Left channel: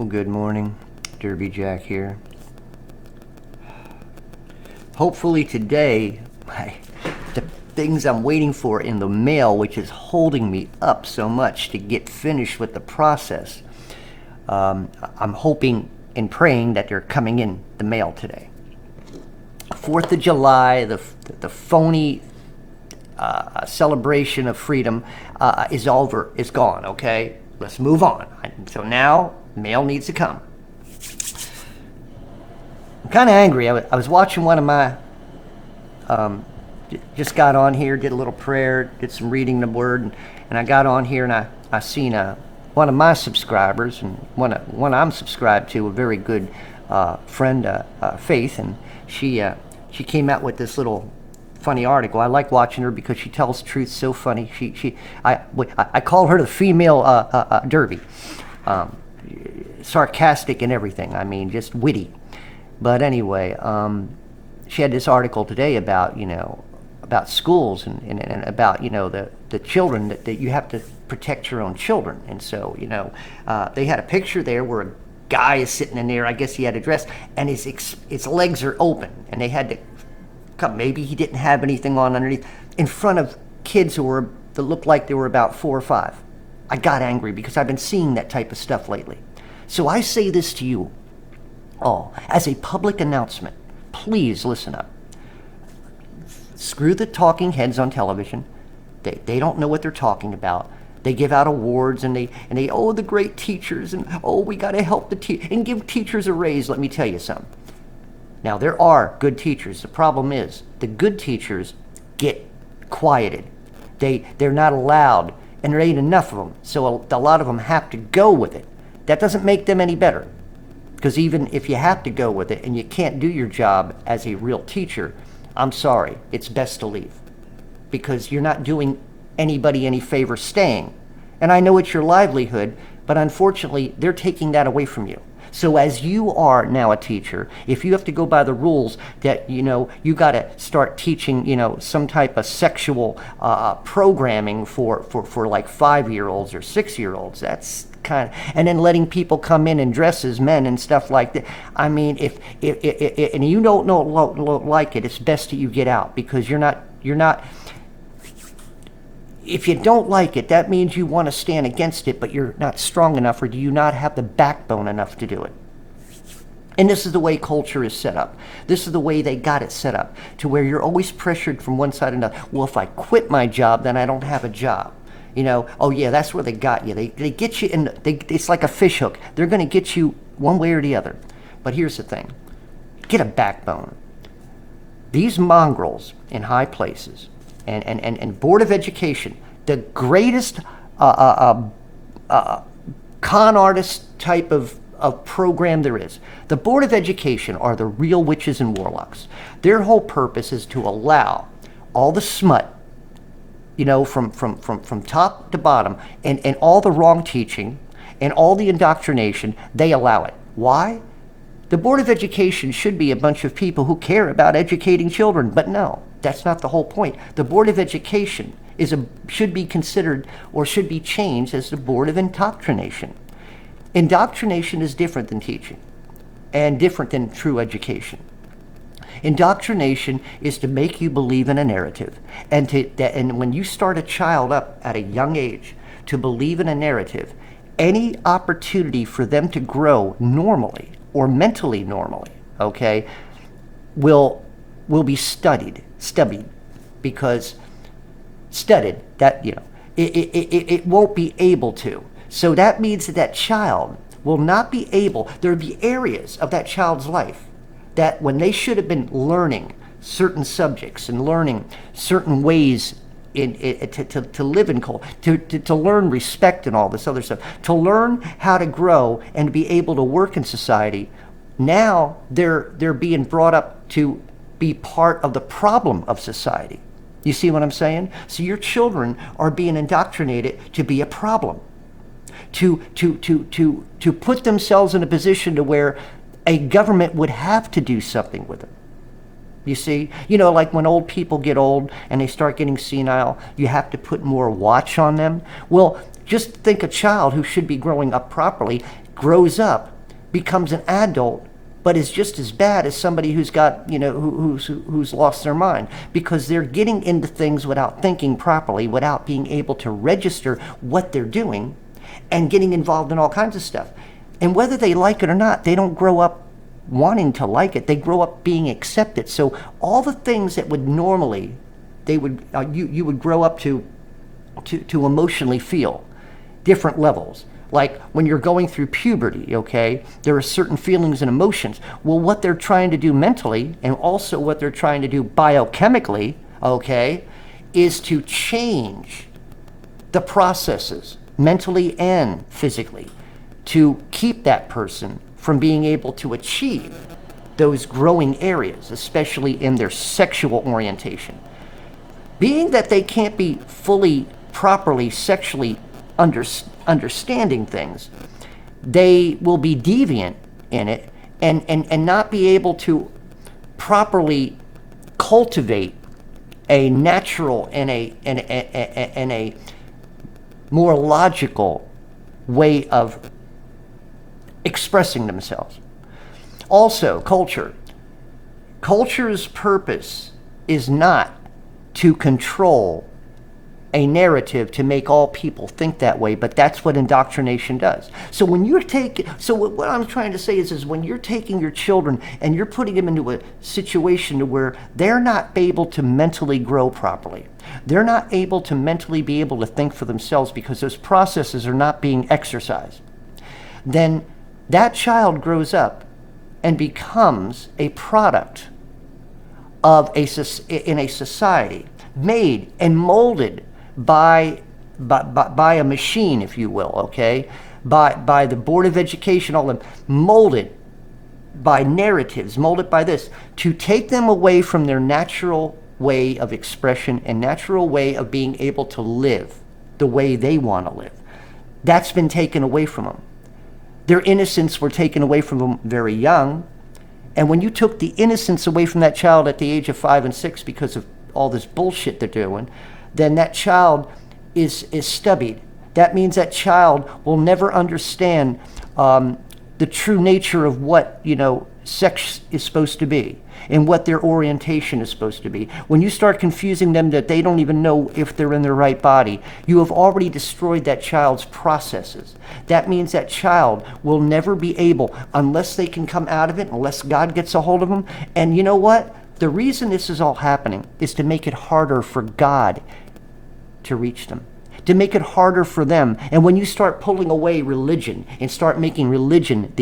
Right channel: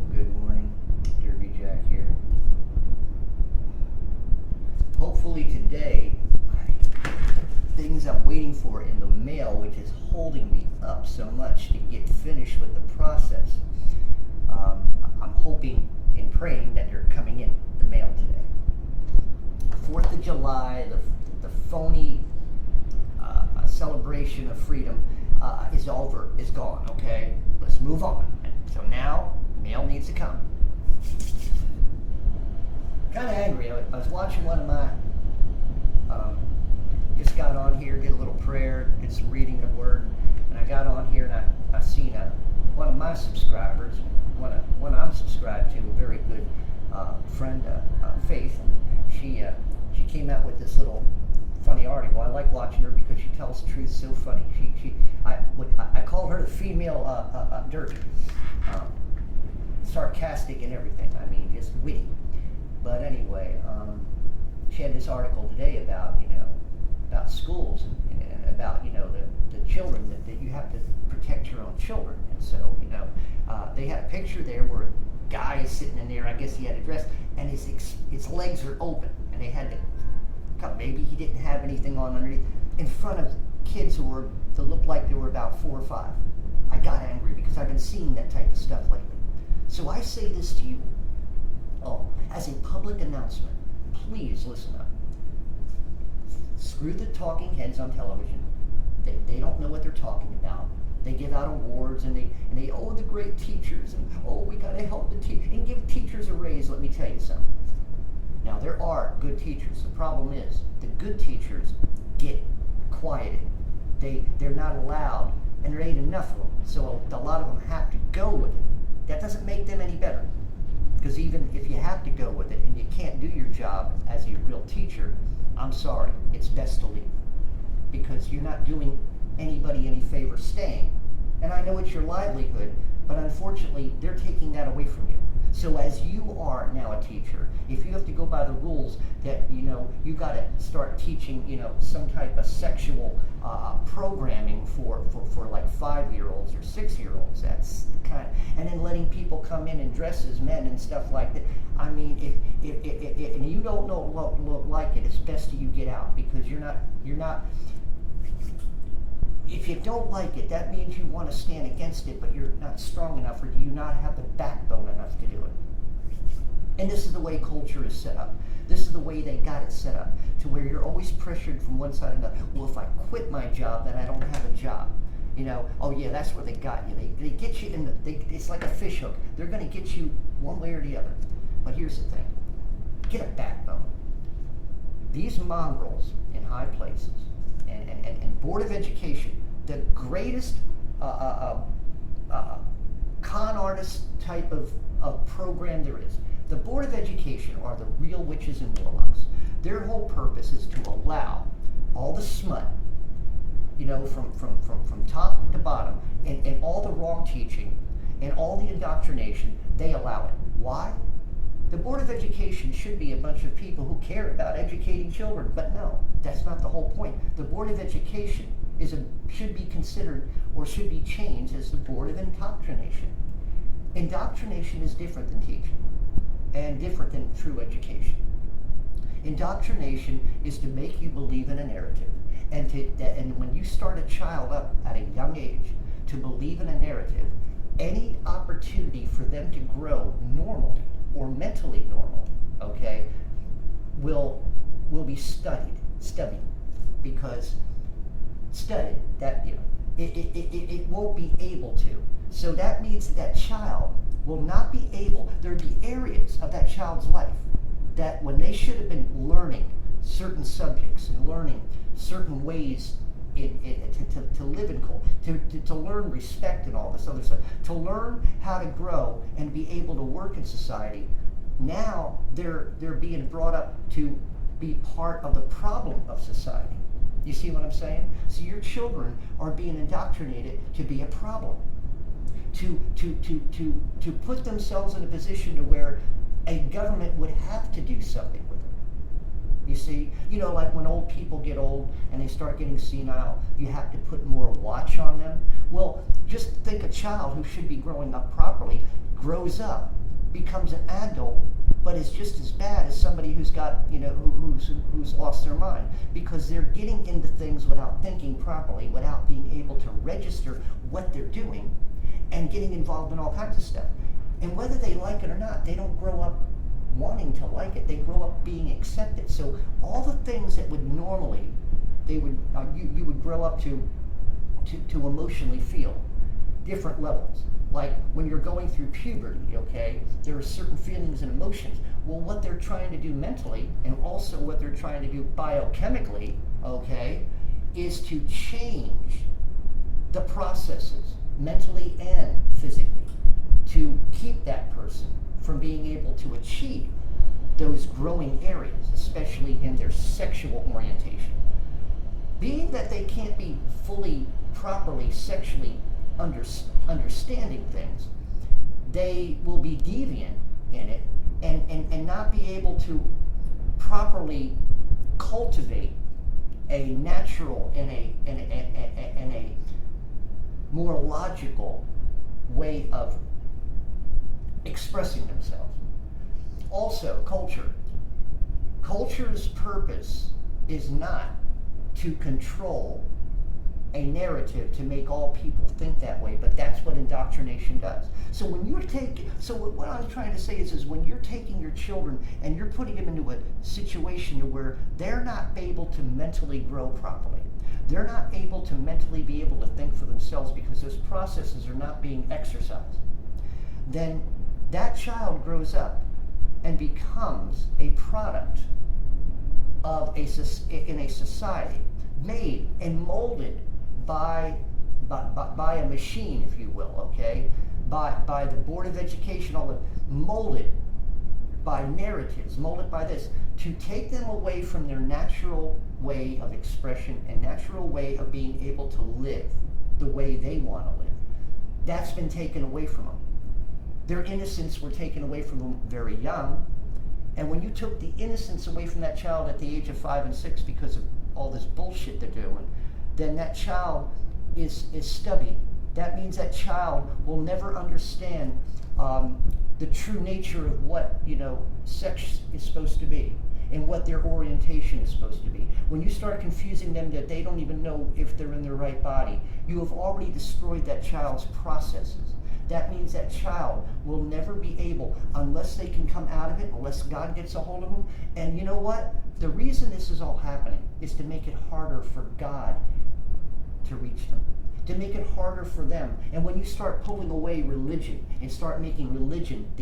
Well, good morning. Derby Jack here. Hopefully today, the things I'm waiting for in the mail, which is holding me up so much to get finished with the process, I'm hoping and praying that they're coming in the mail today. 4th of July, the phony celebration of freedom is over, is gone, okay? Let's move on. So now, mail needs to come. I'm kind of angry. I was watching one of my, just got on here, did a little prayer, did some reading the word, and I got on here and I seen one of my subscribers, and one I'm subscribed to, a very good friend, Faith, and she came out with this little funny article. I like watching her because she tells truth so funny. I call her the female Derby. Sarcastic and everything. I mean, just witty. But anyway, she had this article today about, about schools and about, the children, that you have to protect your own children. And so, they had a picture there where a guy is sitting in there. I guess he had a dress, and his legs are open, and they had to come. Maybe he didn't have anything on underneath, in front of kids that looked like they were about 4 or 5. I got angry because I've been seeing that type of stuff lately. So I say this to you all as a public announcement. Please listen up. Screw the talking heads on television. They don't know what they're talking about. They give out awards and they the great teachers, and we got to help and give teachers a raise. Let me tell you something. Now, there are good teachers. The problem is the good teachers get quieted. They're not allowed, and there ain't enough of them. So a lot of them have to go with it. That doesn't make them any better, because even if you have to go with it and you can't do your job as a real teacher, I'm sorry, it's best to leave, because you're not doing anybody any favor staying. And I know it's your livelihood, but unfortunately, they're taking that away from you. So as you are now a teacher, if you have to go by the rules that, you got to start teaching, some type of sexual programming for like 5-year-olds or 6-year-olds, that's and then letting people come in and dress as men and stuff like that. I mean, if and you don't like it, it's best that you get out, because you're not. If you don't like it, that means you want to stand against it, but you're not strong enough, or do you not have the backbone enough to do it? And this is the way culture is set up. This is the way they got it set up, to where you're always pressured from one side or another. Well, if I quit my job, then I don't have a job. That's where they got you. They get you in. It's like a fish hook. They're going to get you one way or the other. But here's the thing. Get a backbone. These mongrels in high places and Board of Education, the greatest con artist type of program there is. The Board of Education are the real witches and warlocks. Their whole purpose is to allow all the smut, from top to bottom, and all the wrong teaching and all the indoctrination. They allow it. Why? The Board of Education should be a bunch of people who care about educating children, but no, that's not the whole point. The Board of Education should be considered, or should be changed, as the Board of Indoctrination. Indoctrination is different than teaching, and different than true education. Indoctrination is to make you believe in a narrative, and when you start a child up at a young age to believe in a narrative, any opportunity for them to grow normally or mentally normally, okay, will be studied, because it won't be able to. So that means that child will not be able. There'll be areas of that child's life that, when they should have been learning certain subjects and learning certain ways to live in culture, to learn respect and all this other stuff, to learn how to grow and be able to work in society, now they're being brought up to be part of the problem of society. You see what I'm saying? So your children are being indoctrinated to be a problem, to put themselves in a position to where a government would have to do something with them. You see, like when old people get old and they start getting senile, you have to put more watch on them. Well, just think a child who should be growing up properly grows up, becomes an adult, but is just as bad as somebody who's got, who's lost their mind, because they're getting into things without thinking properly, without being able to register what they're doing, and getting involved in all kinds of stuff. And whether they like it or not, they don't grow up wanting to like it. They grow up being accepted. So all the things that would normally you would grow up to emotionally feel, different levels. Like when you're going through puberty, okay, there are certain feelings and emotions. Well, what they're trying to do mentally, and also what they're trying to do biochemically, okay, is to change the processes mentally and physically to keep that person from being able to achieve those growing areas, especially in their sexual orientation. Being that they can't be fully, properly sexually understanding things, they will be deviant in it and not be able to properly cultivate a natural and a more logical way of expressing themselves. Also, culture. Culture's purpose is not to control a narrative to make all people think that way, but that's what indoctrination does. So when you're what I'm trying to say is when you're taking your children and you're putting them into a situation where they're not able to mentally grow properly, they're not able to mentally be able to think for themselves because those processes are not being exercised, then that child grows up and becomes a product of in a society made and molded by a machine, if you will, okay, by the Board of Education, all of them, molded by narratives, molded by this, to take them away from their natural way of expression and natural way of being able to live the way they want to live. That's been taken away from them. Their innocence were taken away from them very young, and when you took the innocence away from that child at the age of 5 and 6 because of all this bullshit they're doing, then that child is stubbied. That means that child will never understand the true nature of what, sex is supposed to be and what their orientation is supposed to be. When you start confusing them that they don't even know if they're in their right body, you have already destroyed that child's processes. That means that child will never be able, unless they can come out of it, unless God gets a hold of them. And you know what? The reason this is all happening is to make it harder for God to reach them, to make it harder for them. And when you start pulling away religion and start making religion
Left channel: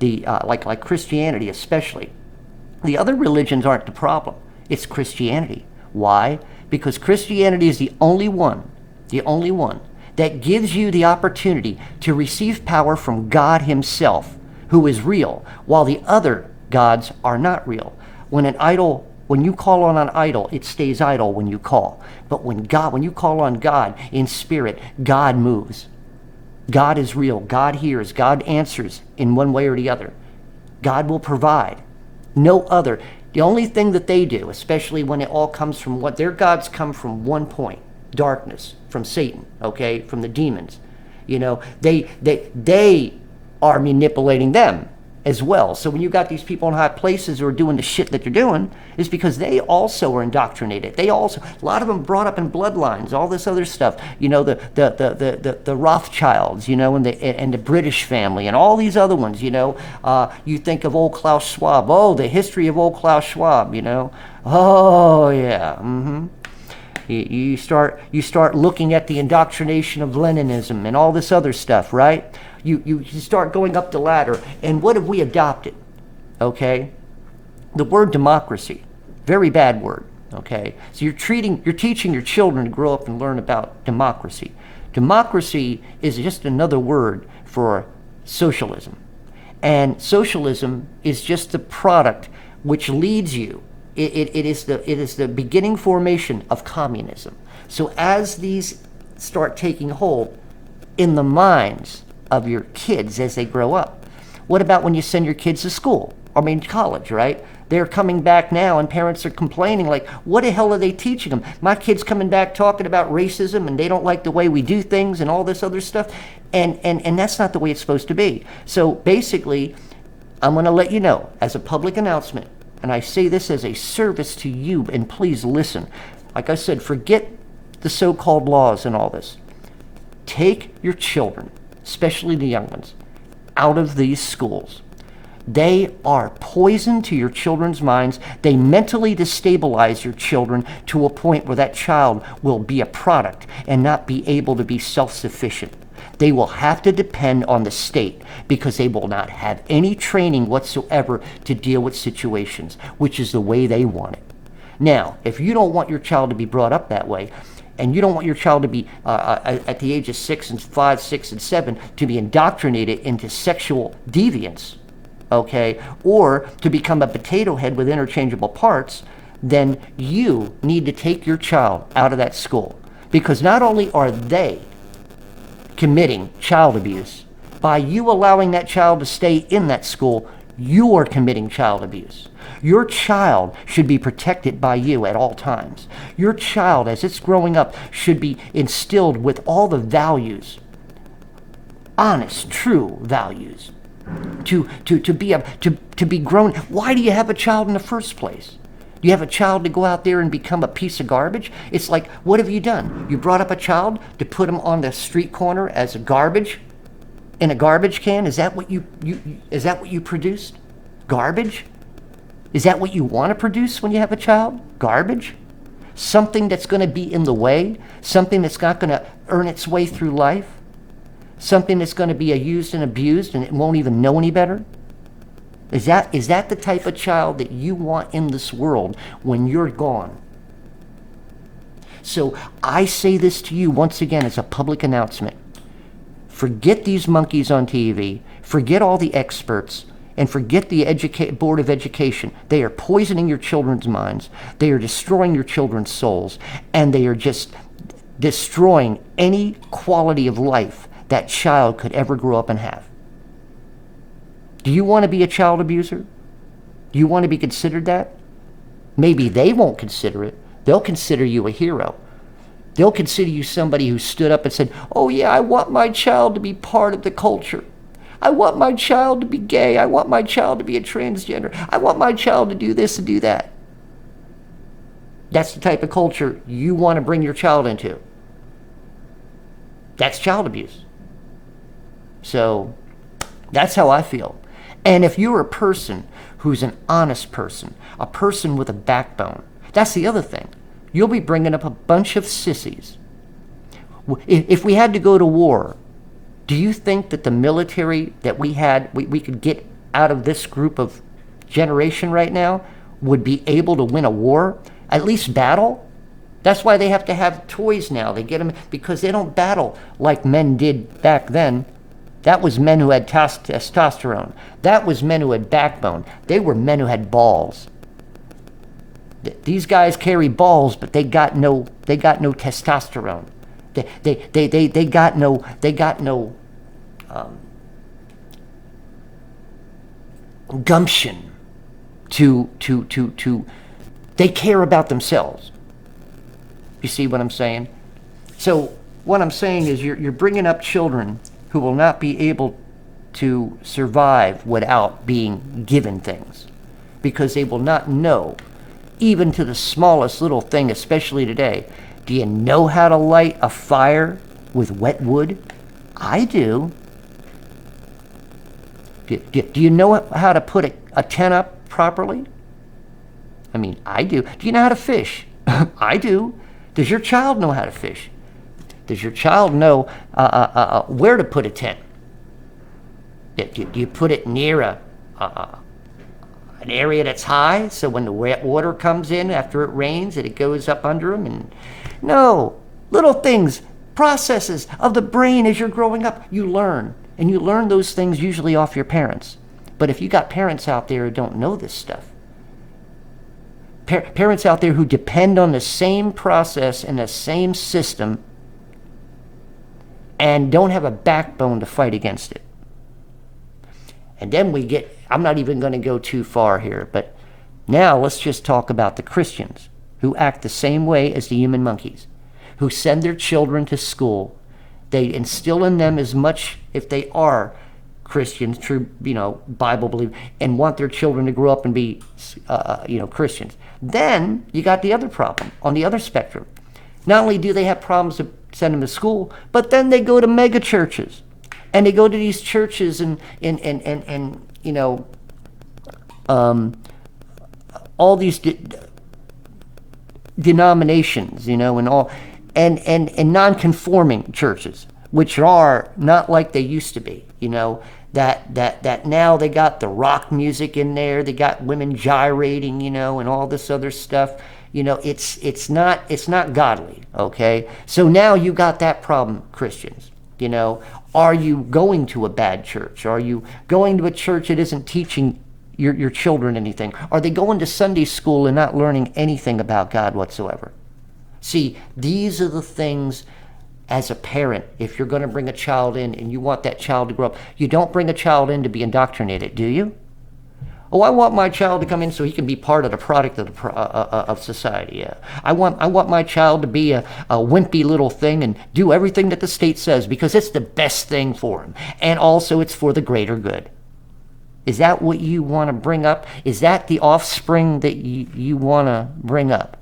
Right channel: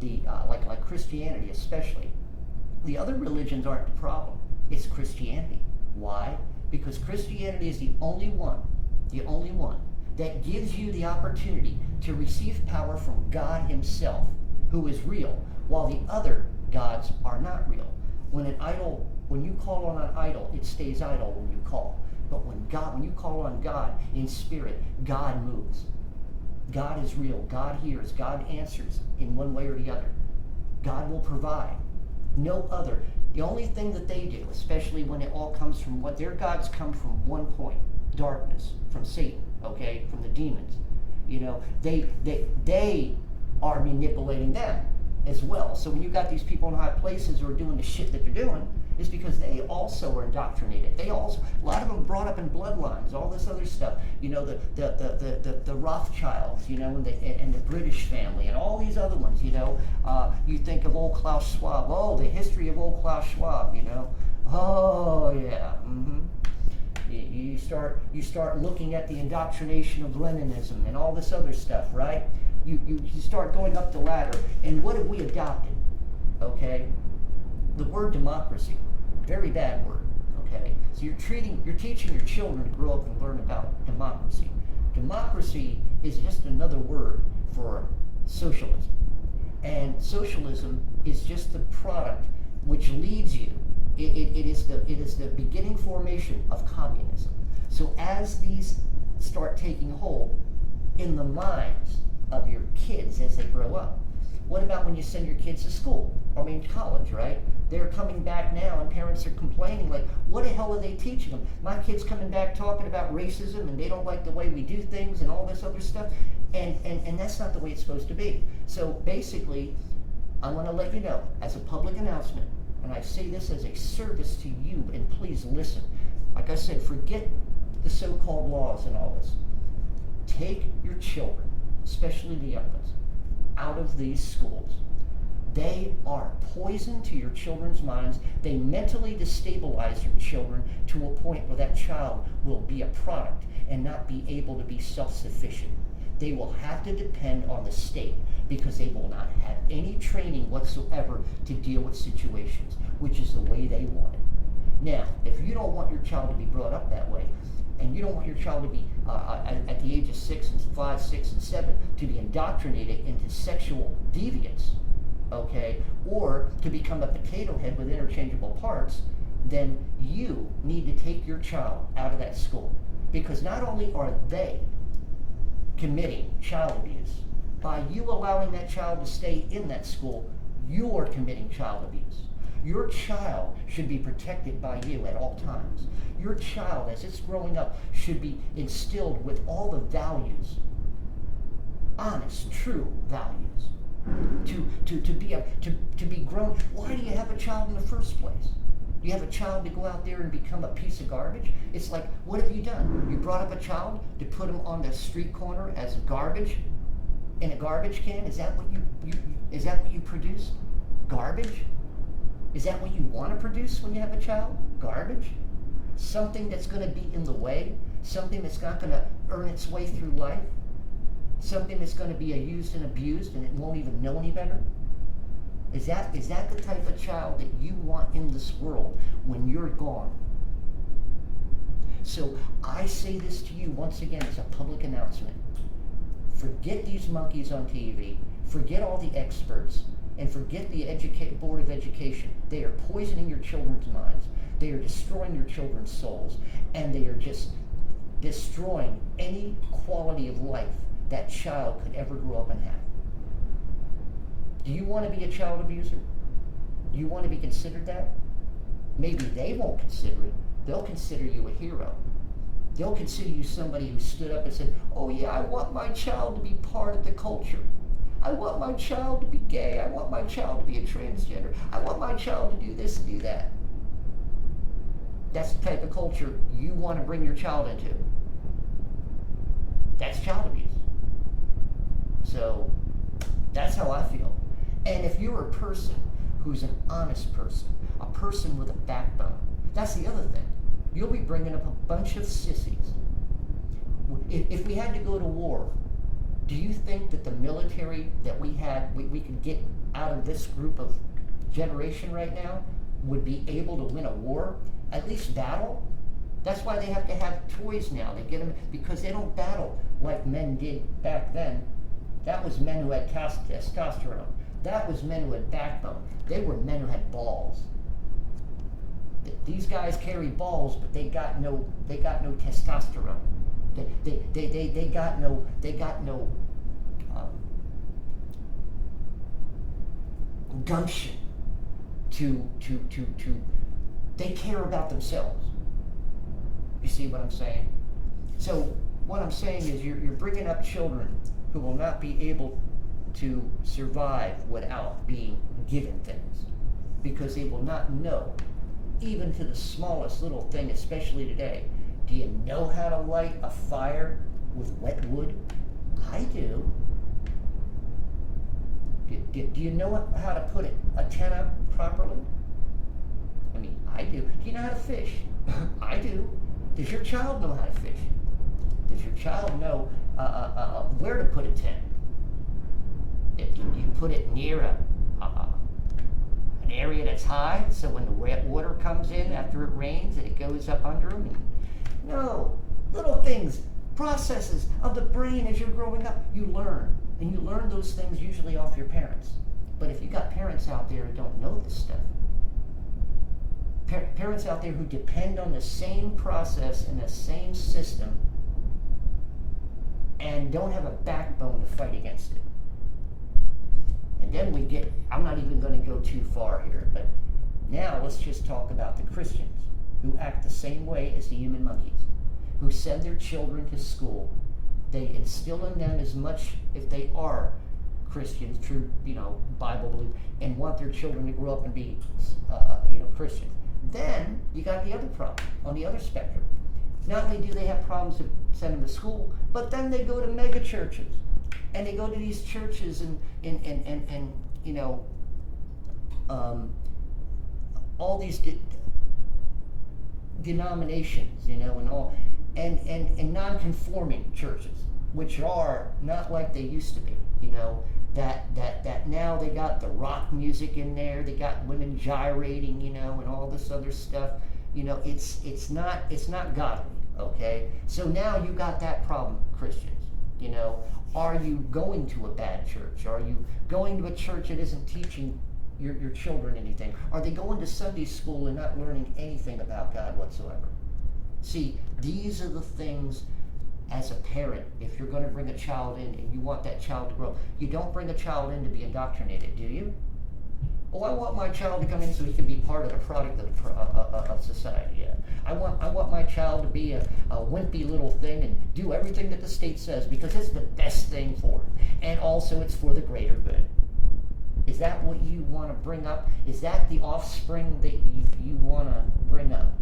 like Christianity especially, the other religions aren't the problem. It's Christianity. Why? Because Christianity is the only one that gives you the opportunity to receive power from God himself, who is real, while the other gods are not real. When you call on an idol, it stays idle when you call. But when you call on God in spirit, God moves. God is real. God hears. God answers in one way or the other. God will provide. No other. The only thing that they do, especially when it all comes from what their gods come from one point, darkness, from Satan, okay, from the demons. They are manipulating them as well. So when you got these people in high places who are doing the shit that they're doing, is because they also are indoctrinated. A lot of them brought up in bloodlines, all this other stuff. The Rothschilds, and the British family, and all these other ones. You think of old Klaus Schwab. Oh, the history of old Klaus Schwab. Oh yeah. Mm-hmm. You start looking at the indoctrination of Leninism and all this other stuff, right? You start going up the ladder, and what have we adopted? Okay, the word democracy, very bad word. Okay, so you're teaching your children to grow up and learn about democracy. Democracy is just another word for socialism, and socialism is just the product which leads you. It is the beginning formation of communism. So as these start taking hold in the minds of your kids as they grow up, what about when you send your kids to school? college, right? They're coming back now and parents are complaining like, what the hell are they teaching them? My kid's coming back talking about racism and they don't like the way we do things and all this other stuff. And that's not the way it's supposed to be. So basically, I'm going to let you know as a public announcement, and I say this as a service to you, and please listen. Like I said, forget the so-called laws and all this. Take your children, especially the young ones, out of these schools. They are poison to your children's minds. They mentally destabilize your children to a point where that child will be a product and not be able to be self-sufficient. They will have to depend on the state because they will not have any training whatsoever to deal with situations, which is the way they want it. Now, if you don't want your child to be brought up that way, and you don't want your child to be, at the age of 5, 6, and 7, to be indoctrinated into sexual deviance, okay, or to become a potato head with interchangeable parts, then you need to take your child out of that school. Because not only are they committing child abuse, by you allowing that child to stay in that school, you are committing child abuse. Your child should be protected by you at all times. Your child, as it's growing up, should be instilled with all the values, honest, true values, to be grown. Why do you have a child in the first place? You have a child to go out there and become a piece of garbage? It's like, what have you done? You brought up a child to put him on the street corner as a garbage in a garbage can? Is that what you produced? Garbage? Is that what you want to produce when you have a child? Garbage? Something that's going to be in the way? Something that's not going to earn its way through life? Something that's going to be used and abused and it won't even know any better? Is that the type of child that you want in this world when you're gone? So I say this to you once again as a public announcement. Forget these monkeys on TV. Forget all the experts. And forget the Board of Education. They are poisoning your children's minds. They are destroying your children's souls. And they are just destroying any quality of life that child could ever grow up and have. Do you want to be a child abuser? Do you want to be considered that? Maybe they won't consider it. They'll consider you a hero. They'll consider you somebody who stood up and said, oh yeah, I want my child to be part of the culture. I want my child to be gay. I want my child to be a transgender. I want my child to do this and do that. That's the type of culture you want to bring your child into. That's child abuse. So that's how I feel. And if you're a person who's an honest person, a person with a backbone, that's the other thing. You'll be bringing up a bunch of sissies. If we had to go to war, do you think that the military that we had, we could get out of this group of generation right now, would be able to win a war? At least battle? That's why they have to have toys now. They get them because they don't battle like men did back then. That was men who had testosterone. That was men who had backbone. They were men who had balls. These guys carry balls, but they got no testosterone. They got no gumption to they care about themselves. You see what I'm saying? So what I'm saying is you're bringing up children who will not be able to survive without being given things, because they will not know, even to the smallest little thing, especially today. Do you know how to light a fire with wet wood? I do. Do you know how to put a tent up properly? I mean, I do. Do you know how to fish? I do. Does your child know how to fish? Does your child know where to put a tent? Do you put it near an area that's high, so when the wet water comes in after it rains, it goes up under them? And no, little things, processes of the brain as you're growing up, you learn. And you learn those things usually off your parents. But if you got parents out there who don't know this stuff, parents out there who depend on the same process and the same system and don't have a backbone to fight against it. And then I'm not even going to go too far here, but now let's just talk about the Christians who act the same way as the human monkeys, who send their children to school. They instill in them as much, if they are Christians, true, Bible believers, and want their children to grow up and be, Christians. Then you got the other problem on the other spectrum. Not only do they have problems to send them to school, but then they go to mega churches, and they go to these churches and all these denominations, and all, and non-conforming churches, which are not like they used to be, that now they got the rock music in there, they got women gyrating, and all this other stuff. It's not godly, okay? So now you got that problem, Christians. Are you going to a bad church? Are you going to a church that isn't teaching your children anything? Are they going to Sunday school and not learning anything about God whatsoever? See, these are the things, as a parent, if you're going to bring a child in and you want that child to grow up, you don't bring a child in to be indoctrinated, do you? Oh, I want my child to come in so he can be part of the product of society. Yeah. I want my child to be a wimpy little thing and do everything that the state says because it's the best thing for him. And also it's for the greater good. Is that what you want to bring up? Is that the offspring that you want to bring up?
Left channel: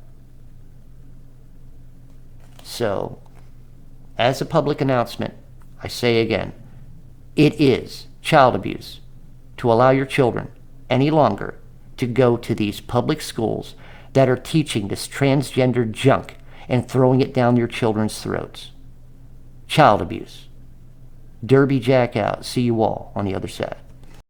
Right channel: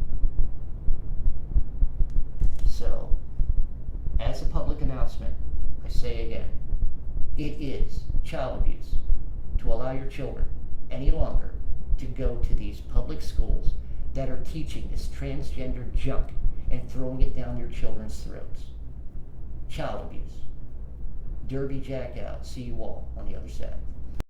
So, as a public announcement, I say again, it is child abuse to allow your children any longer to go to these public schools that are teaching this transgender junk and throwing it down your children's throats. Child abuse. Derby Jack out. See you all on the other side.